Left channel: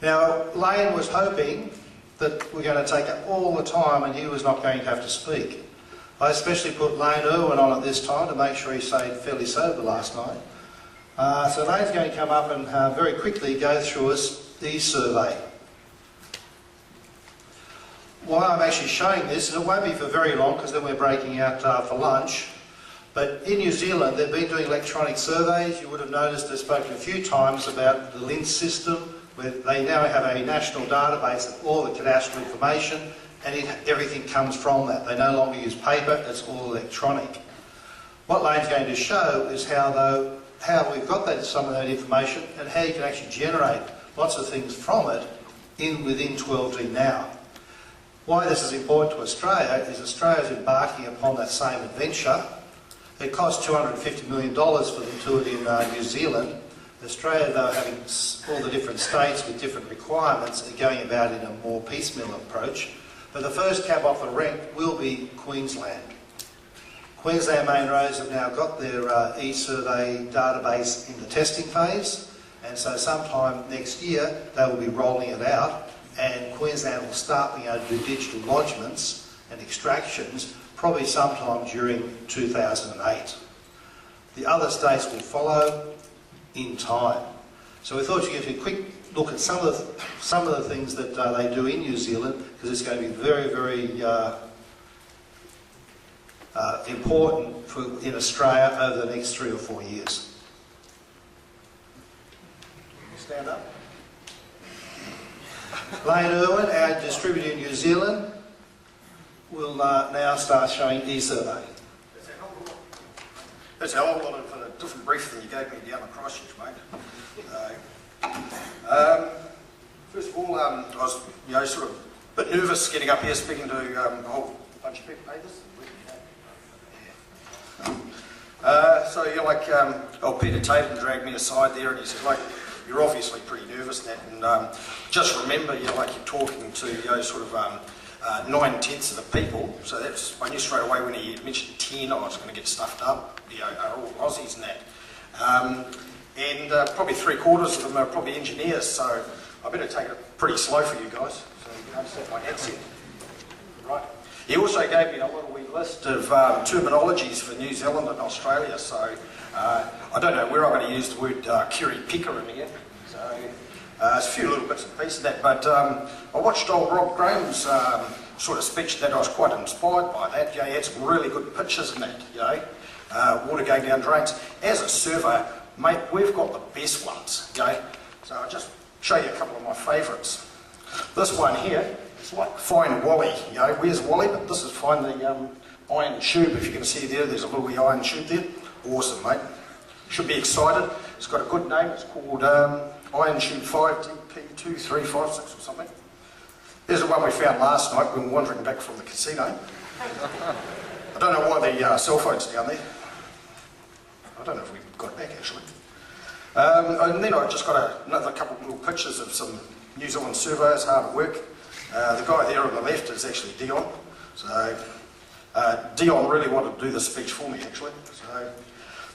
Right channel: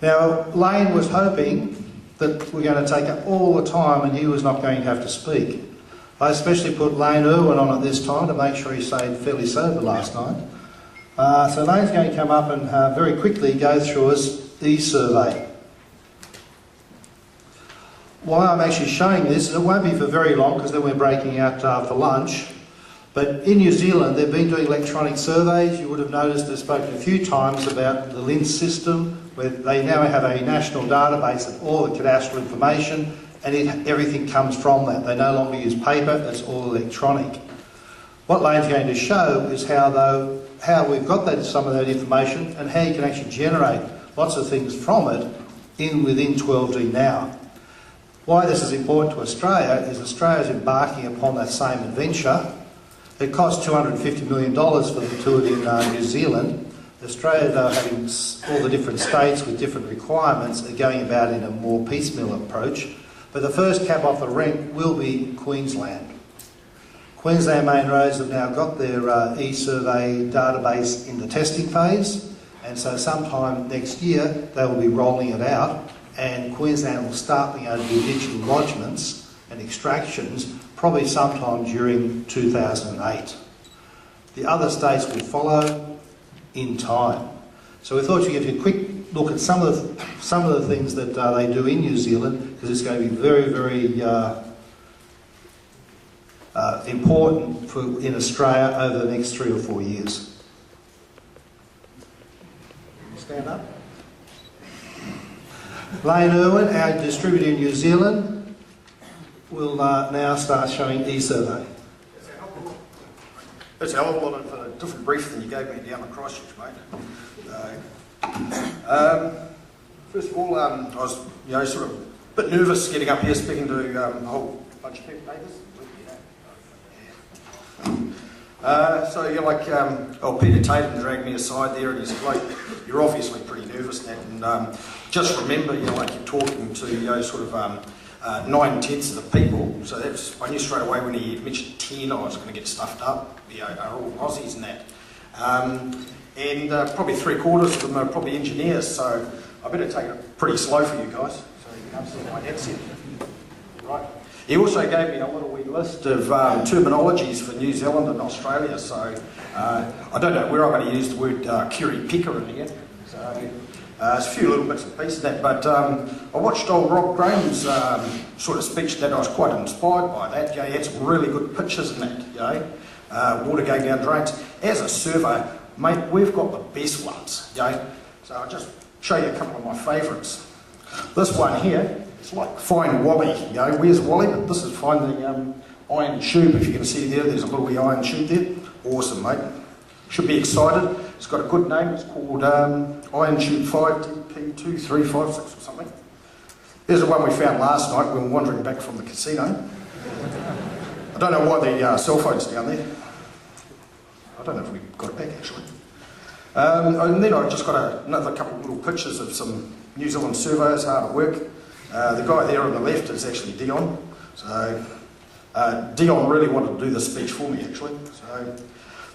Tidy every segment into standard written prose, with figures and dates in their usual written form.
Now, Lane was hoping that we're going to take up all the time and he was not going to have to speak. I especially put Lane Irwin on at this time to make sure he stayed fairly sober last night. So Lane's going to come up and very quickly go through his eSurvey. Why I'm actually showing this, it won't be for very long because then we're breaking out for lunch. But in New Zealand, they've been doing electronic surveys. You would have noticed they've spoken a few times about the LINS system, where they now have a national database of all the cadastral information, and everything comes from that. They no longer use paper, it's all electronic. What Lane's going to show is how we've got some of that information and how you can actually generate lots of things from it within 12D now. Why this is important to Australia is Australia's embarking upon that same adventure. It costs $250 million for them to do it in New Zealand. Australia, though, having all the different states with different requirements, are going about in a more piecemeal approach. But the first cab off the rank will be Queensland. Queensland Main Roads have now got their eSurvey database in the testing phase, and so sometime next year they will be rolling it out, and Queensland will start being able to do digital lodgements and extractions probably sometime during 2008. The other states will follow in time. So we thought you'd give you a quick look at some of the things that they do in New Zealand, because it's going to be very, very important in Australia over the next 3 or 4 years. Stand up. Lane Irwin, our distributor in New Zealand, will now start showing eSurvey. That's a hell of a lot of a different brief than you gave me down the Christchurch, mate. First of all, I was sort of a bit nervous getting up here speaking to a whole bunch of people. Hey, this is weird, Peter Tatum dragged me aside there and he said, like, you're obviously pretty nervous, Nat, and just remember, you're talking to 9/10 of the people. So that's, I knew straight away when he mentioned 10, I was going to get stuffed up. Are all Aussies and that. And probably 3/4 of them are probably engineers, so I better take it pretty slow for you guys, so you can understand my headset. Right. He also gave me a little wee list of terminologies for New Zealand and Australia, so I don't know where I'm going to use the word curry picker in here. So there's a few little bits and pieces of that, but I watched old Rob Graham's sort of speech that I was quite inspired by that. He had some really good pictures in that, water going down drains. As a surveyor, mate, we've got the best ones, So I'll just show you a couple of my favourites. This one here, it's like Find Wally, where's Wally? But this is Find the iron tube, if you can see there's a little wee iron tube there. Awesome, mate. Should be excited. It's got a good name, it's called Iron Tube 5DP2356 or something. There's the one we found last night when we were wandering back from the casino. I don't know why the cell phone's down there. I don't know if we got it back actually. And then I just got another couple of little pictures of some New Zealand surveyors hard at work. The guy there on the left is actually Dion. So Dion really wanted to do this speech for me actually. So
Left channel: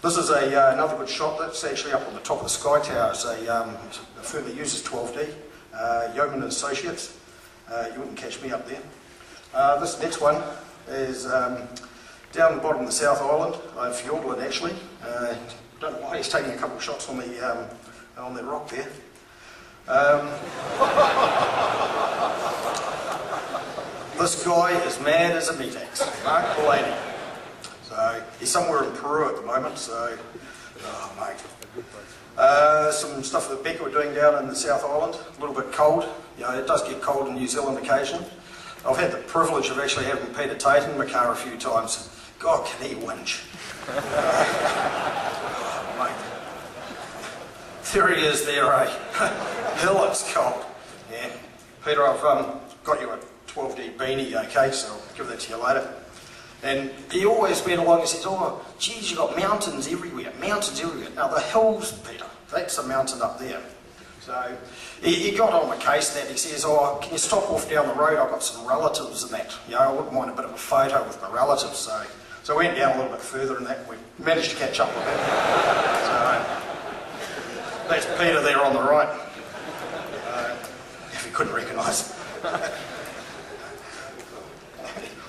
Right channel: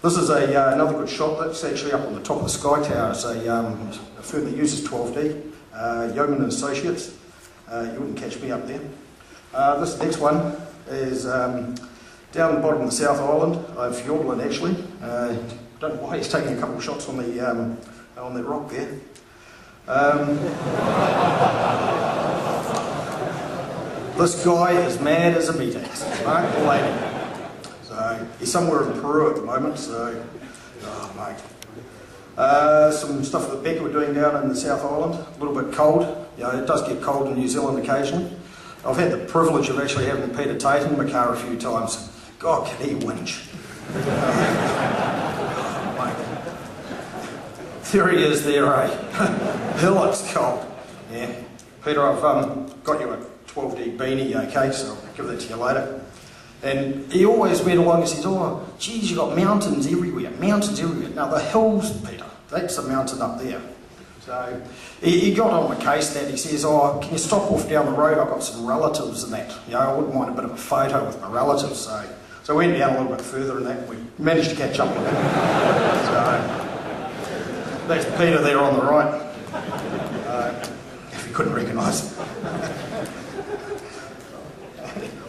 this is another good shot. That's actually up on the top of the Sky Tower. It's a firm that uses 12D, Yeoman and Associates. You wouldn't catch me up there. This next one is down the bottom of the South Island, Fiordland actually. Don't know why he's taking a couple of shots on that rock there. This guy is mad as a meat axe, Mark Delaney. So he's somewhere in Peru at the moment, so, oh mate. Some stuff that Becca were doing down in the South Island, a little bit cold. It does get cold in New Zealand occasionally. I've had the privilege of actually having Peter Tatum in my car a few times. God, can he whinge. Mate. There he is there, eh? Hell, it's cold. Yeah. Peter, I've got you a 12D beanie, okay, so I'll give that to you later. And he always went along and says, oh, geez, you've got mountains everywhere, mountains everywhere. Now, the hills, Peter, that's a mountain up there. So he got on my case that he says, oh, can you stop off down the road? I've got some relatives and that. I wouldn't mind a bit of a photo with my relatives. So we went down a little bit further and that. We managed to catch up with him. So that's Peter there on the right. if you couldn't recognise.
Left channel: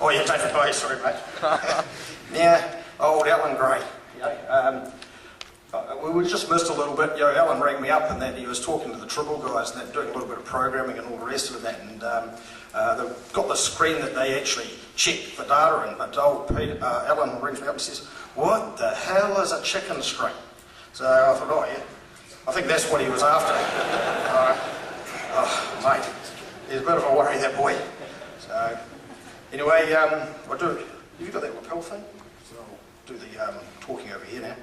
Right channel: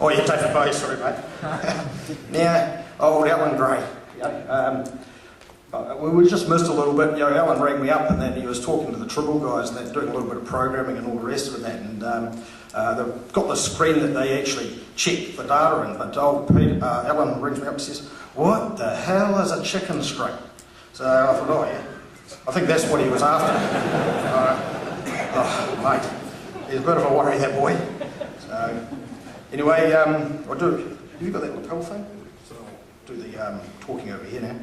Oh yeah, David Bowie, sorry mate. Now, old Alan Gray. We just missed a little bit. Alan rang me up and then he was talking to the Tribble guys and they're doing a little bit of programming and all the rest of that. And they've got the screen that they actually check the data in. But old Alan rings me up and says, "What the hell is a chicken screen?" So I thought, oh yeah, I think that's what he was after. Oh mate, he's a bit of a worry, that boy. So anyway, have you got that lapel thing? So I'll do the talking over here now.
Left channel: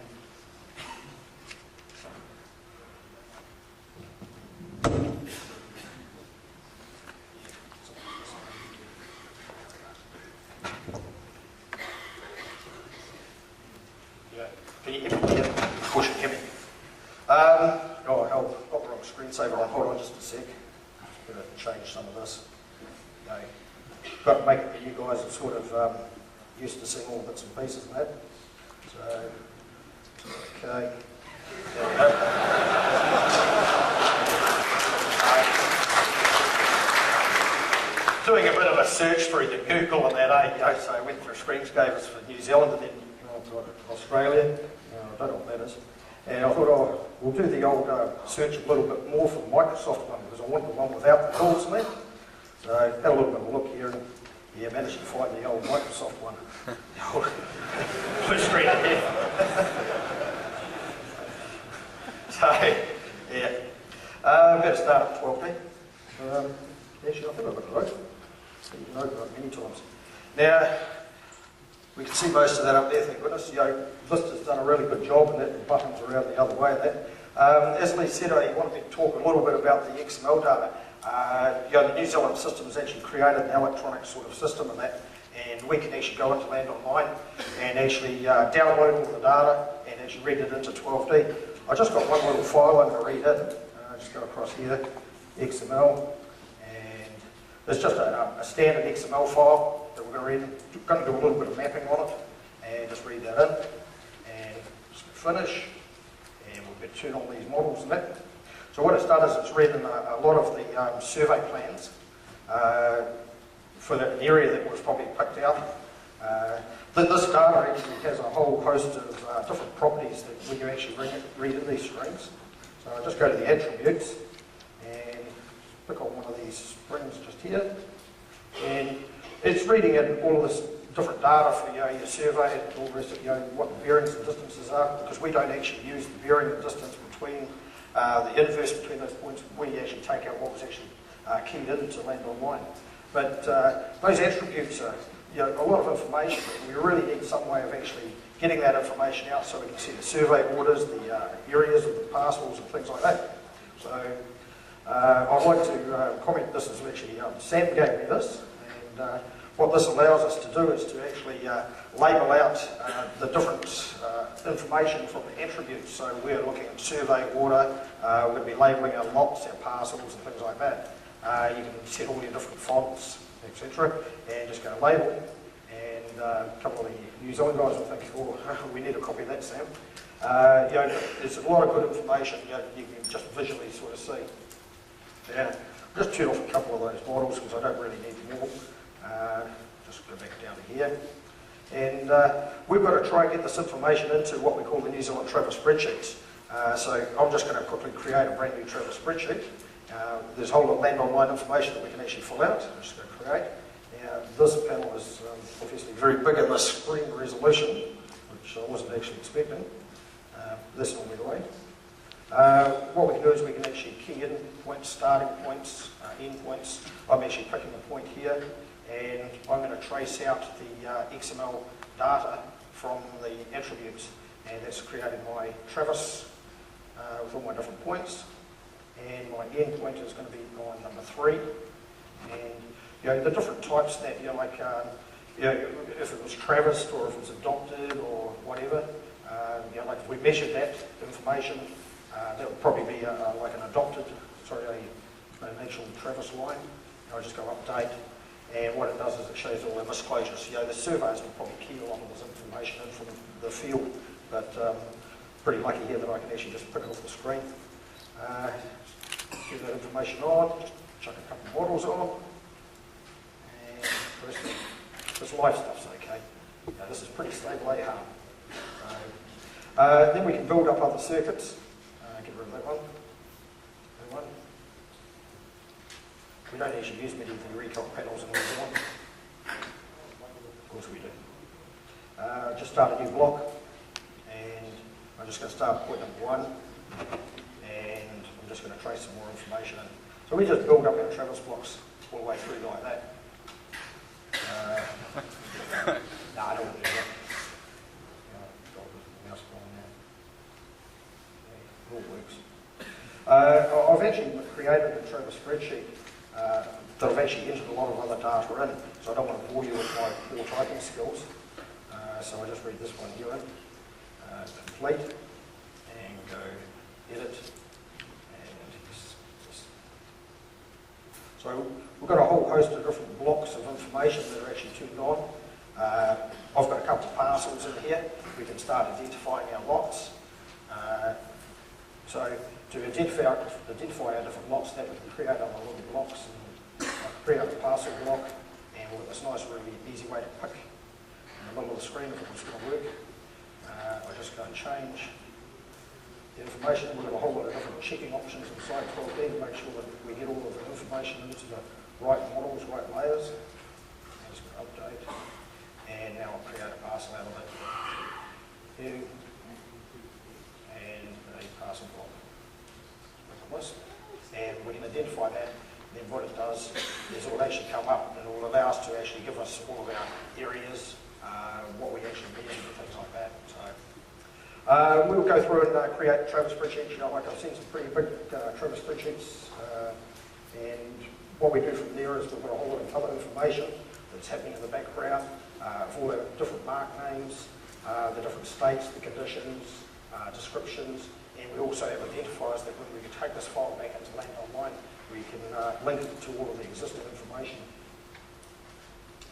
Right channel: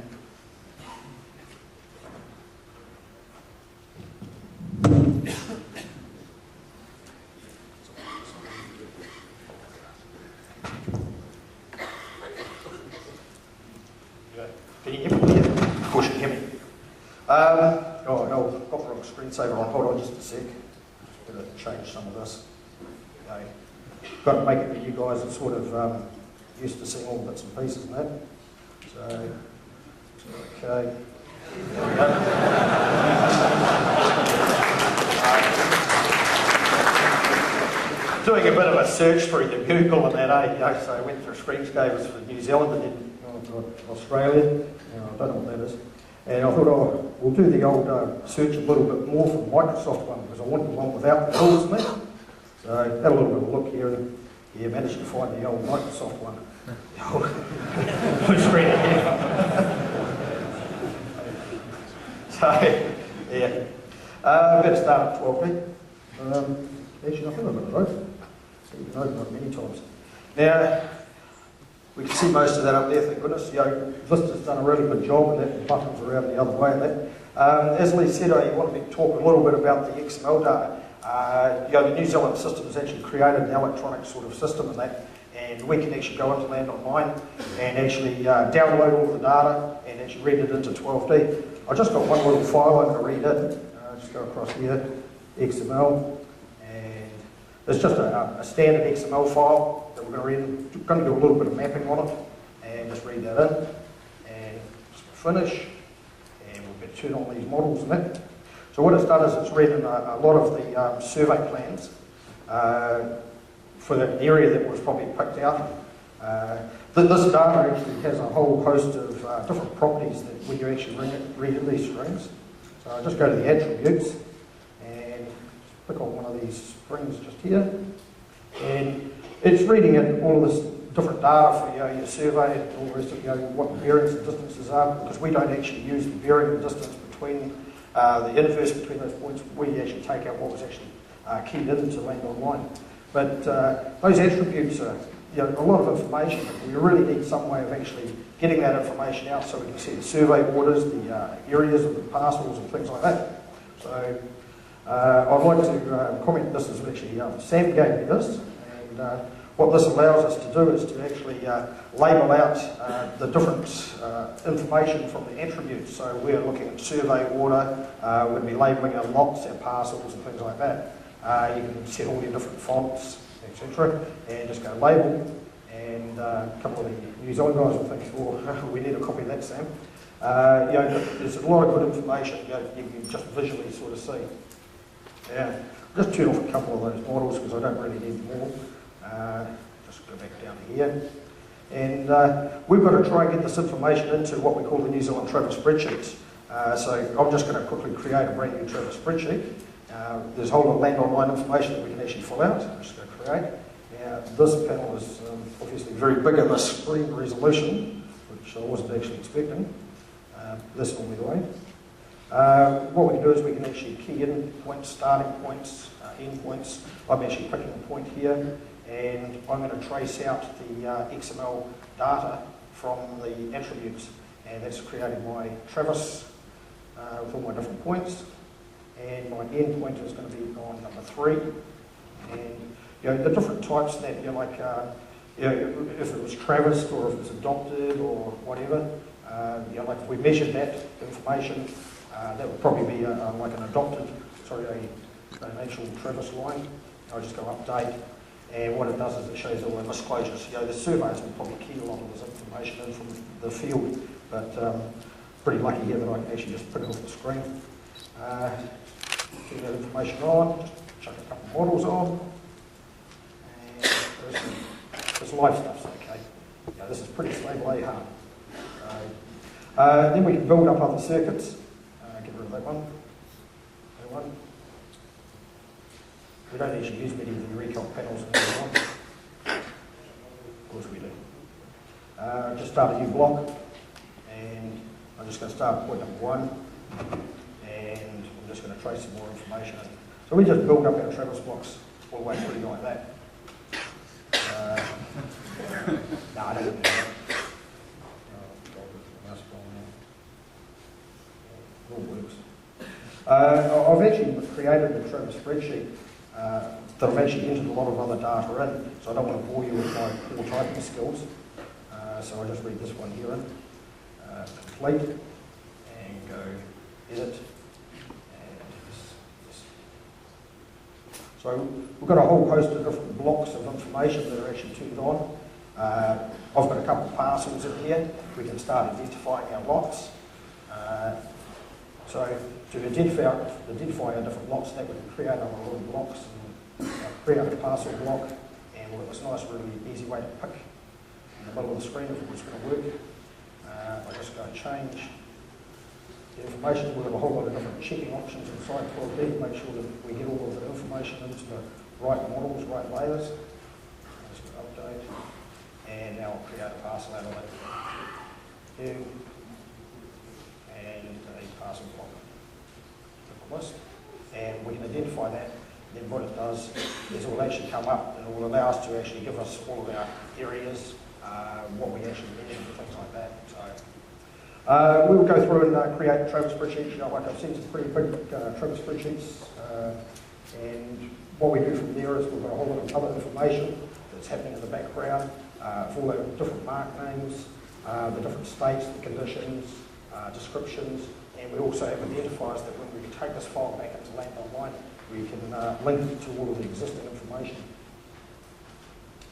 Can you hear me? Yeah, of course you can hear me. Oh no, I've got the wrong screensaver on. Hold on just a sec. Just better change some of this. Okay. Got to make it that you guys are sort of used to seeing all bits and pieces and that. So, okay. There we go. Doing a bit of a search through the Google and that, so I went through Screensavers for New Zealand and then Australia. I don't know what that is. And I thought, oh, we'll do the old search a little bit more for the Microsoft one because I wanted the one without the hills in it. So I had a little bit of a look here and managed to find the old Microsoft one. The old blue screen ahead. So, yeah. Better start at 12D. Actually, I think I've got it right. You can open it many times. Now, we can see most of that up there, thank goodness. Vista's done a really good job and that the buttons are around the other way and that. As Lee said, I want to talk a little bit about the XML data. The New Zealand system has actually created an electronic sort of system and that, and we can actually go into Land Online and actually download all the data and actually read it into 12D. I just got one little file I'm going to read in. Just go across here, XML, and there's just a standard XML file that we're going to read in. We're going to do a little bit of mapping on it and just read that in and just finish, and we'll get turn on these models and that. So what it's done is it's read in a lot of the survey plans for the area that was probably picked out. This data actually has a whole host of different properties that when you actually read in these strings. So I'll just go to the attributes and just pick on one of these strings just here. And it's reading in all of this different data for your survey and all the rest of what the bearings and distances are, because we don't actually use the bearing and distance between the inverse between those points. We actually take out what was actually keyed into Land Online. But those attributes are a lot of information, but we really need some way of actually getting that information out so we can see the survey orders, the areas of the parcels and things like that. So I'd like to comment, this is actually, Sam gave me this, and what this allows us to do is to actually label out the different information from the attributes. So we're looking at survey order, we're going to be labelling our lots, our parcels and things like that. You can set all your different fonts, etc., and just go label. And a couple of the New Zealand guys will think, oh, we need a copy of that, Sam. There's a lot of good information you can just visually sort of see. Yeah, I'll just turn off a couple of those models because I don't really need more. Just go back down to here. And we've got to try and get this information into what we call the New Zealand Travel spreadsheets. So I'm just going to quickly create a brand new travel spreadsheet. There's a whole lot of Land Online information that we can actually fill out. I'm just going to create. Now, this panel is obviously very big in the screen resolution, which I wasn't actually expecting. That's normally the way. What we can do is we can actually key in points, starting points, end points. I'm actually picking a point here, and I'm going to trace out the XML data from the attributes, and that's created my traverse with all my different points. And my end point is going to be on number 3. And the different types that if it was traversed or if it was adopted or whatever, like if we measured that information, that would probably be like an adopted, an actual traverse line. I'll just go update, and what it does is it shows all the misclosures. The surveyors will probably key a lot of this information in from the field, but pretty lucky here that I can actually just print it off the screen. Get that information on, just chuck a couple of models on, and the rest of this live stuff's okay. Yeah, this is pretty stable AHARM. Then we can build up other circuits. Get rid of that one. That one. We don't actually use many of the recon panels in this one. Of course we do. Just start a new block, and I'm just going to start point number 1, and I'm just going to trace some more information in. So we just build up our traverse blocks all the way through like that. No, I don't want to do that. Mouse gone now. It all works. I've actually created a traverse spreadsheet that I've actually entered a lot of other data in, so I don't want to bore you with my poor typing skills. So I'll just read this one here in, complete, and go edit, and yes. So we've got a whole host of different blocks of information that are actually turned on. I've got a couple of parcels in here. We can start identifying our lots. So to identify our different lots, that we can create other little blocks and create a parcel block, and we'll have this nice, really easy way to pick in the middle of the screen if it was going to work. I just go and change the information. We've got a whole lot of different checking options inside 12D to make sure that we get all of the information into the right models, right layers. Just go update, and now I'll create a parcel out of that. Here, and a parcel block. Click on this, and we can identify that. Then what it does is it will actually come up and it will allow us to actually give us all of our areas, what we actually measured and things like that. So we'll go through and create traverse spreadsheets. Like I've seen some pretty big traverse spreadsheets, and what we do from there is we've got a whole lot of other information that's happening in the background, of all our different mark names, the different states, the conditions, descriptions, and we also have identifiers that when we can take this file back into Land Online, we can link it to all of the existing information.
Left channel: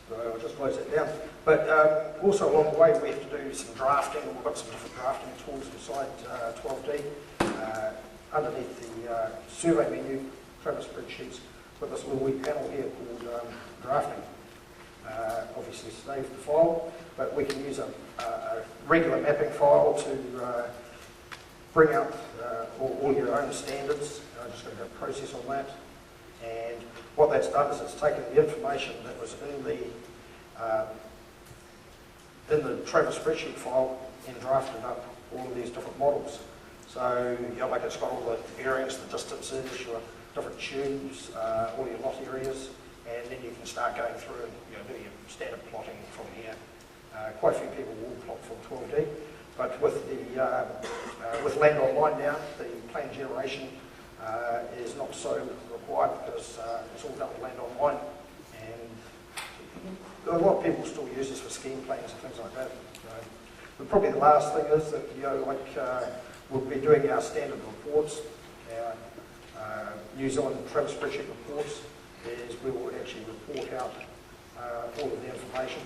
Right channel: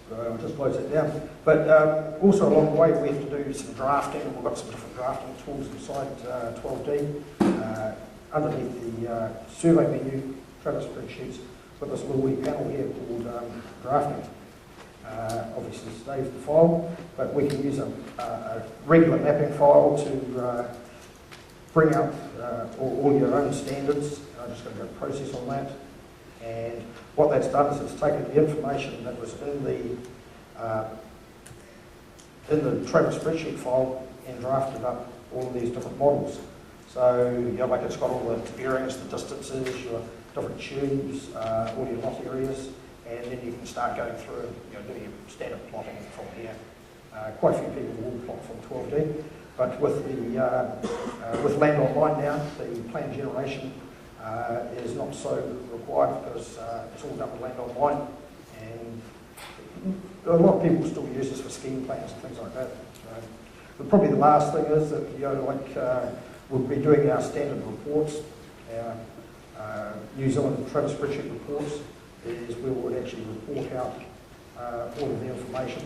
So I'll just close that down. But also along the way we have to do some drafting. We've got some different drafting tools inside 12D. Underneath the survey menu, traverse spreadsheets, we've got this little wee panel here called drafting. Obviously saves the file, but we can use a regular mapping file to bring up all your own standards. I'm just going to go process on that. And what that's done is it's taken the information that was in the traverse spreadsheet file and drafted up all of these different models. So, you know, like it's got all the bearings, the distances, your different tubes, all your lot areas, and then you can start going through and do your standard plotting from here. Quite a few people will plot from 12D, but with the with Land Online now, the plan generation is not so required because it's all done with Land Online, and a lot of people still use this for scheme plans and things like that. So, but probably the last thing is that we'll be doing our standard reports, our New Zealand traverse spreadsheet reports. Is we would actually report out all of the information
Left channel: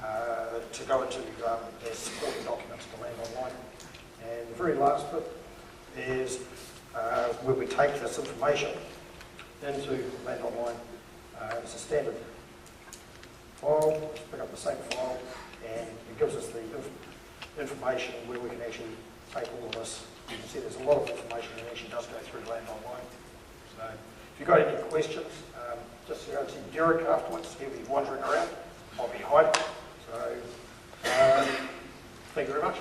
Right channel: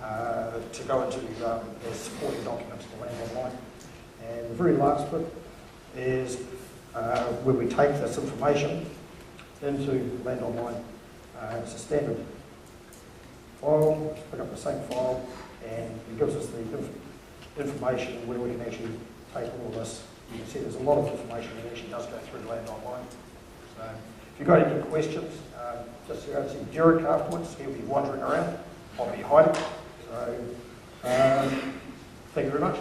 to go into as supporting documents to Land Online. And the very last bit is where we take this information into Land Online. It's a standard file. Just pick up the same file, and it gives us the information where we can actually take all of this. You can see there's a lot of information that actually does go through Land Online. So if you've got any questions, just go and see Derek afterwards. He'll be wandering around. I'll be hiding. So thank you very much.